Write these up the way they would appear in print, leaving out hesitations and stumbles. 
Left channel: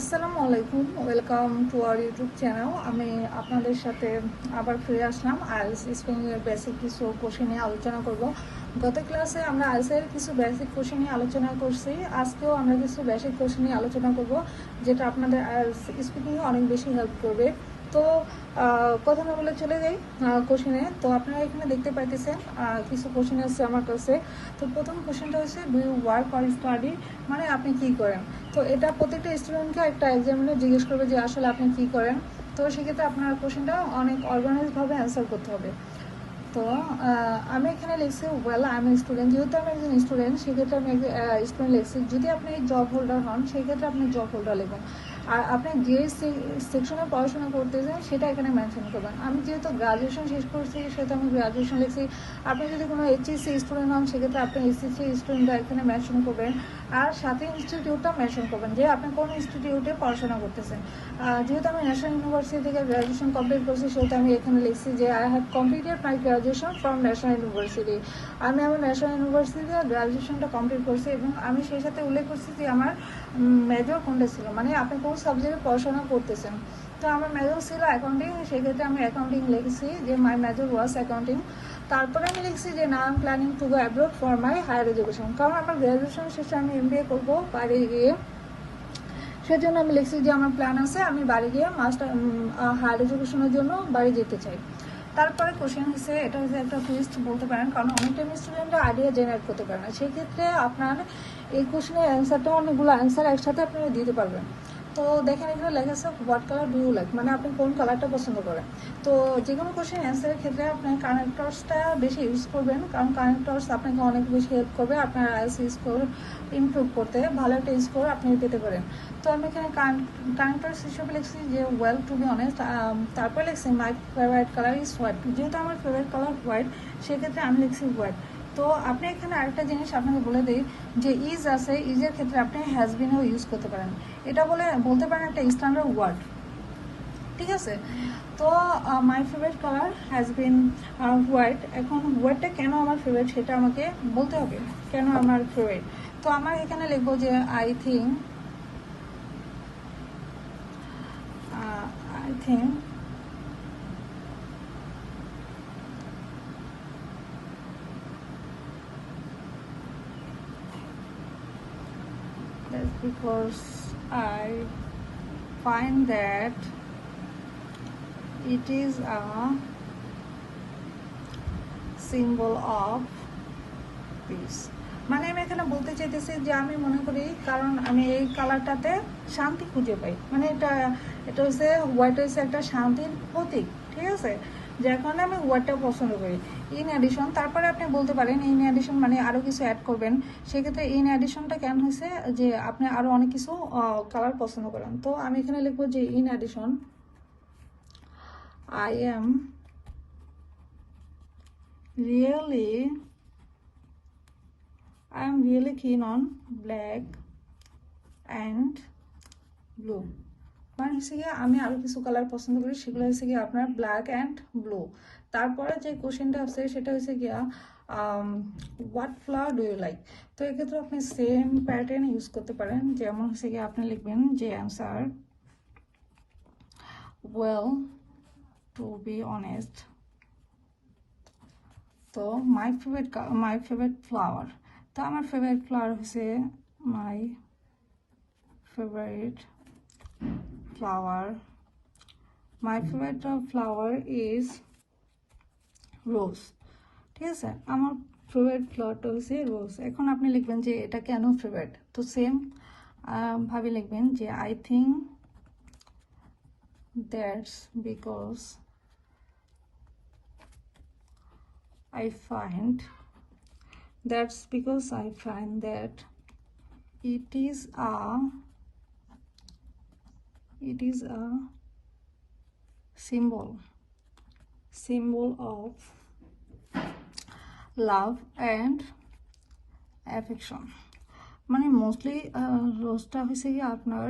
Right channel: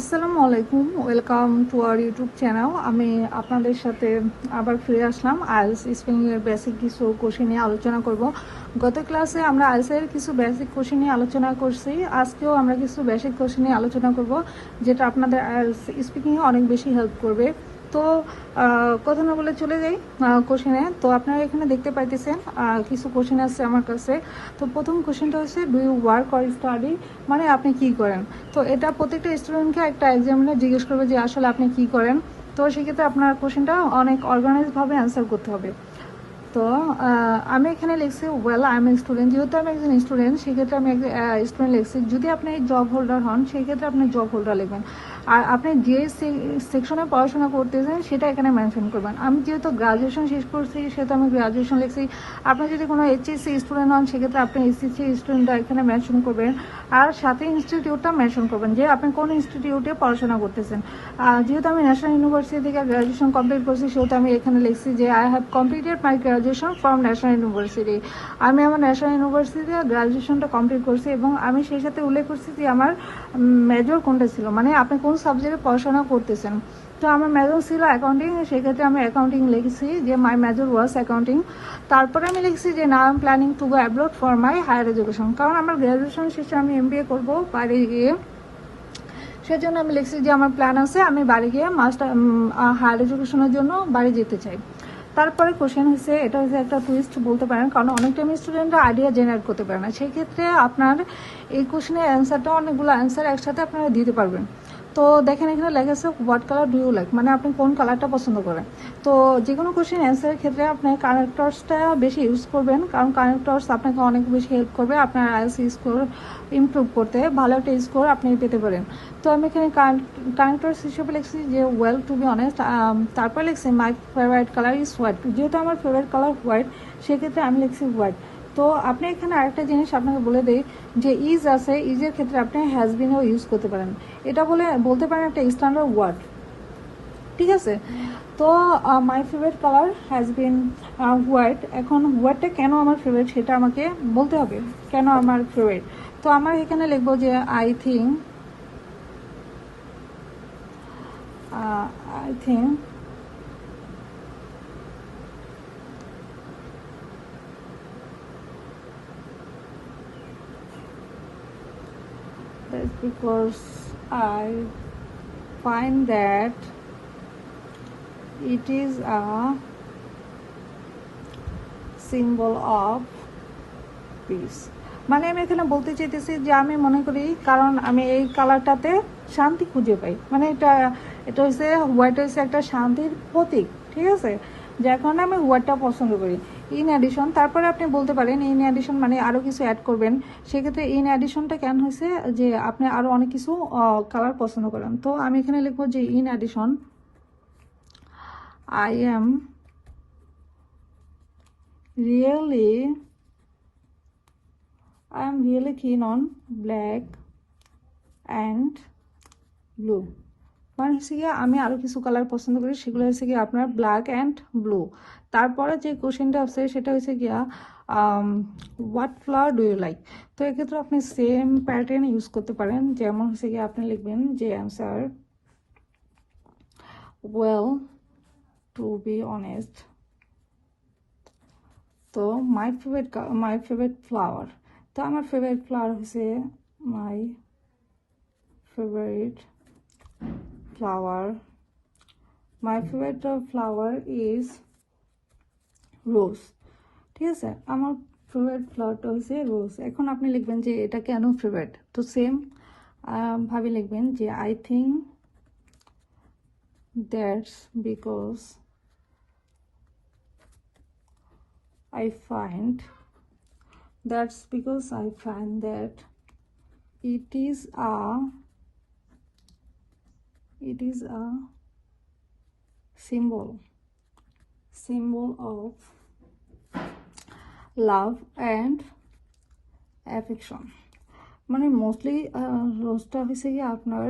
আসসালামু আলাইকুম, welcome to our YouTube channel. আমি আপনাদের সাথে আবার ফিরে আসলাম আইএলটিএস স্পিকিংয়ের বেসিক কিছু কোশ্চেন নিয়ে আলোচনা করব। গত ক্লাসে আমরা আইএলটিএস কিছু বেসিক কোশ্চেন নিয়ে আলোচনা করছি। আজকেও আমরা কিছু বেসিক কোশ্চেন নিয়ে আলোচনা করব, যেটা আপনাদের আইএলটিএস স্পিকিংয়ে অনেক বেশি হেল্প করবে। তো কথা না বলে চলে যাই কোশ্চেনে। তো আপনারা এখানে দেখতে পাইতেছেন কিছু কোশ্চেন আছে আমার কাছে। তো প্রথম কোশ্চেনটা হচ্ছে, do you work or study, মানে আপনি কি করেন। তো এটা প্রত্যেকটা স্টুডেন্টকে একটা এক্সামে জিজ্ঞেস করবে যে আসলে আপনি কি করেন। তো সেক্ষেত্রে আপনার কোশ্চেনটা অনেক অর্গানাইজভাবে অ্যান্সার করতে হবে। তো আমি এখানে লিখছি well I M a student. যেহেতু আমি একজন স্টুডেন্ট, সেক্ষেত্রে আমি একটা স্টুডেন্ট লিখছি। যদি আপনি জব হোল্ডার হন, সেই ক্ষেত্রে আপনি জব হোল্ডার লিখবেন। আর আপনি যে সেকশনে পড়াশোনা করতেছেন সেটা এখানে মেনশন করবেন। আমি যেহেতু গ্রাজুয়েশন শেষ করছি, সেহেতু আমি গ্রাজুয়েশন লিখছি। আপনি যদি কোনো এইচএসসি স্টুডেন্ট হন, সেক্ষেত্রে আপনি এইচএসসি স্টুডেন্টটা এখানে মেনশন করবেন। আর সাথে ইনস্টিটিউটটা মেনশন করবেন যে আপনি কোন ইনস্টিটিউটে পড়াশোনা করতেছেন। যেহেতু আমি ন্যাশনাল ইউনিভার্সিটি থেকে গ্র্যাজুয়েশন কমপ্লিট করছি, সেহেতু আমি এখানে লিখছি যে I have completed my graduation from national university. আমি আমার ন্যাশনাল ইউনিভার্সিটিতে গ্র্যাজুয়েশনটা কমপ্লিট করছি, এবং আমি সেই সাথে উল্লেখ করছি যে আমার মেজর কোনটা ছিল, মানে আপনি কোন সাবজেক্টে পড়াশোনা করতেছেন। তো আমার মেজর ছিল অ্যাকাউন্টিং, সেক্ষেত্রে আমি অ্যাকাউন্টিং লিখছি যে মাই মেজর ওয়াজ অ্যাকাউন্টিং। তারপরে আমি লিখছি যে now I am planning to go abroad for my higher education, কারণ আমার গ্র্যাজুয়েশন শেষে আমি এমবিএ করবো বাইরে গিয়ে। সেজন্য আমি লিখছি যে আমার প্ল্যান আছে আমি বাড়ি গিয়ে মাস্টার হায়ার এডুকেশনের জন্য বাড়ি যেতে চাই। তারপরে কোশ্চেন হচ্ছে, এটা হচ্ছে একটা টুইস্ট বলতে পারেন, কারণ অনেক টাইম স্টুডেন্টরা আইডিয়া জেনারেট করতে পারে না। সেই ক্ষেত্রে আপনার এই কোশ্চেনের অ্যান্সারটা, অনেকগুলো অ্যান্সার একসাথে আপনারা দিতে পারবেন। তো দেখেন এখানে লেখা আছে what colour do you like, মানে আপনি কোন কালারটা পছন্দ করেন। তো যে কোনো কোশ্চেন অ্যান্সারের ক্ষেত্রে আপনার কানেক্টরসটা বেশি ইউজ করবেন, কারণ কানেক্টরস আপনাকে অনেক বেশি হেল্প করবে আপনার আইএলটিএস স্কোর ইমপ্রুভ করতে। ভালো একটা স্কোর আপনি পেতে পারেন। তো আমি এখানে কানেক্টরস হিসেবে লিখছি যে ওয়েল টু বি অনেস্ট। তারপর লিখছি my favourite colour is white. যেহেতু আমার ফেভারিট কালার হোয়াইট, সেক্ষেত্রে আমি লিখছি হোয়াইট। তো আপনি এখানে আরেকটা জিনিস আপনাকে বলে দিই যে ইজ আছে, ইজের ক্ষেত্রে আপনি হ্যাজবিনও ইউজ করতে পারেন। এটা বলতে পারেন একটা স্ট্যান্ডার্ড ওয়ার্ড, ঠিক আছে। তো my favourite colour has been white. এখন হোয়াইটটা কেন আমার ফেভারিট সেটা আমাকে বলতে হবে, কেন আমার ফেভারিট। তো আমার এখানে লিখবো যে I think that's because I find that it is a symbol of peace। মানে আমি এখানে বলতে চাইতেছি যে আমি মনে করি, কারণ আমি এই কালারটাতে শান্তি খুঁজে পাই। মানে এটা হচ্ছে হোয়াইট, হচ্ছে একটা শান্তির প্রতীক, ঠিক আছে, যার কারণে আমি হোয়াইটটা পছন্দ করি। ইন অ্যাডিশন, তারপরে আপনি বলতে পারেন ইন অ্যাডিশন মানে আরও কিছু অ্যাড করবেন। সেক্ষেত্রে ইন অ্যাডিশনটা কেন হয়েছে যে আপনি আরও অনেক কিছু কালার পছন্দ করেন। তো আমি এখানে লিখবো যে in addition I am really keen on black and blue। মানে হচ্ছে গিয়ে আমি আরও কিছু কালার পছন্দ করি, সেগুলো হচ্ছে গিয়ে আপনার ব্ল্যাক অ্যান্ড ব্লু। তারপরে যে কোশ্চেনটা আছে সেটা হচ্ছে গিয়া what flower do you like. তো এক্ষেত্রে আপনি সেম প্যাটার্ন ইউজ করতে পারেন, যেমন হচ্ছে গিয়ে আপনি লিখবেন যে answer well to be honest. তো মাই ফেভারিট ফ্লাওয়ার, তো আমার ফেভারিট ফ্লাওয়ার হচ্ছে my favourite flower is rose, ঠিক আছে। আমার ফেভারিট ফ্লাওয়ারটা হচ্ছে রোজ। এখন আপনি লিখবেন যে এটা কেন ফেভারিট। তো সেম ভাবে লিখবেন যে I think that's because I find that it is a symbol of love and affection। মানে মোস্টলি রোজটা হয়েছে কি আপনার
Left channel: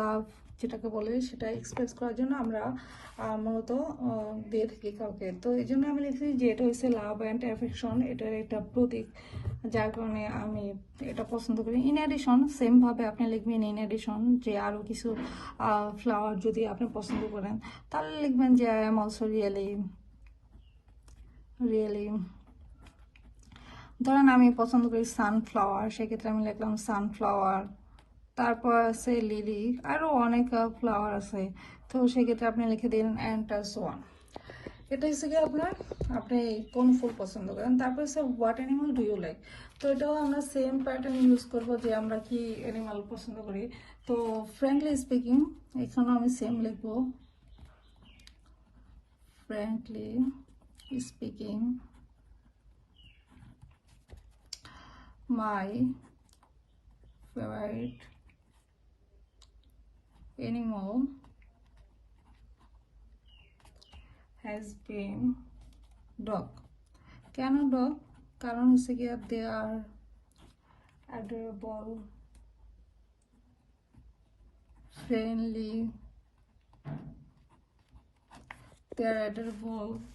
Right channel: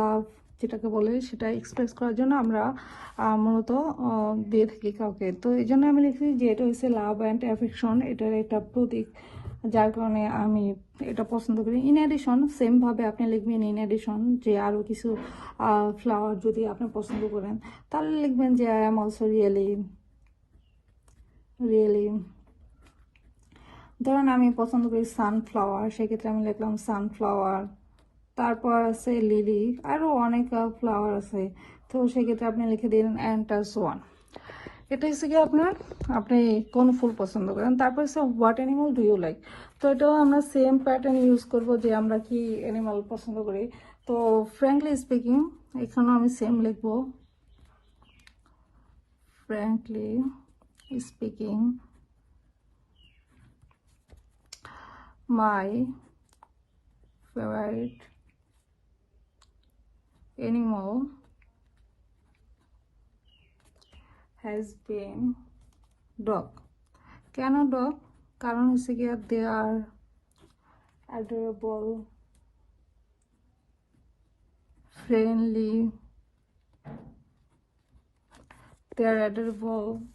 লাভ যেটাকে বলে সেটা এক্সপ্রেস করার জন্য আমরা মূলত দিয়ে থাকি কাউকে। তো এই জন্য আমি লিখছি যে এটা হচ্ছে লাভ অ্যান্ড অ্যাফেকশন, এটার একটা প্রতীক। যার কারণে আমি এটা পছন্দ করি। ইন অ্যাডিশন সেমভাবে আপনি লিখবেন ইন অ্যাডিশন যে আরও কিছু ফ্লাওয়ার যদি আপনি পছন্দ করেন তাহলে লিখবেন যে আই এম অলসো রিয়েলি ধরেন আমি পছন্দ করি সানফ্লাওয়ার, সেক্ষেত্রে আমি লিখলাম সানফ্লাওয়ার। তারপর আছে লিলি, আরও অনেক ফ্লাওয়ার আছে, তো সেক্ষেত্রে আপনি লিখে দিন এন্টার ওয়ান। এটা হচ্ছে কি আপনি কোন ফুল পছন্দ করেন। তারপর হচ্ছে what animal do you like, তো এটাও আমরা সেম প্যাটার্ন ইউজ করব যে আমরা কি অ্যানিমাল পছন্দ করি। তো ফ্র্যাঙ্কলি স্পিকিং এখানেও আমি সেম লিখবো, frankly speaking my favorite animal has been dog. কেন dog? কারণ হচ্ছে কি they are adorable, friendly,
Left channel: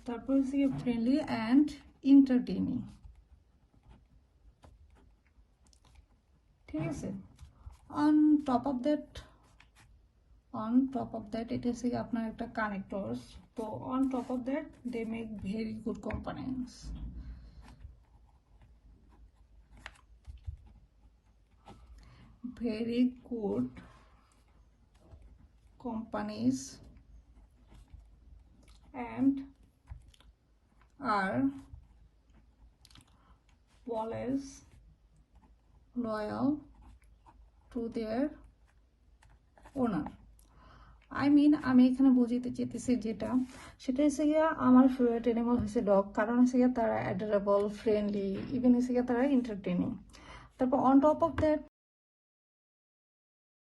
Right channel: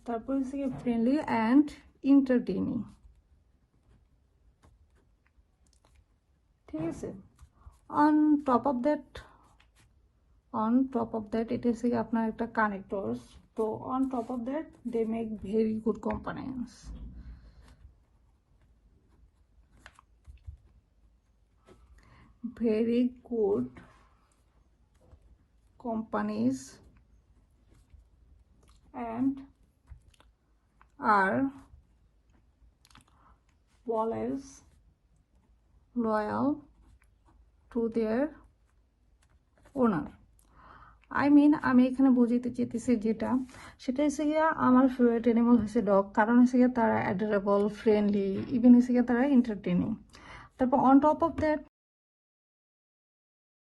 তারপর হচ্ছে কি friendly and entertaining। ঠিক আছে, অন টপ অফ দ্যাট এটা হচ্ছে আপনার একটা কানেক্টরস। তো on top of that they make very good companions. Very good companies and are always loyal to their owner। আমি এখানে বোঝাতে চেয়েছি যেটা সেটা হচ্ছে গিয়ে আমার ফেভারিট অ্যানিমাল হচ্ছে ডগ, কারণ হচ্ছে গিয়ে তারা অ্যাডোরেবল, ফ্রেন্ডলি, ইভেন হচ্ছে গিয়ে তারা এন্টারটেনিং। তারপর অন টপ অফ দ্যাট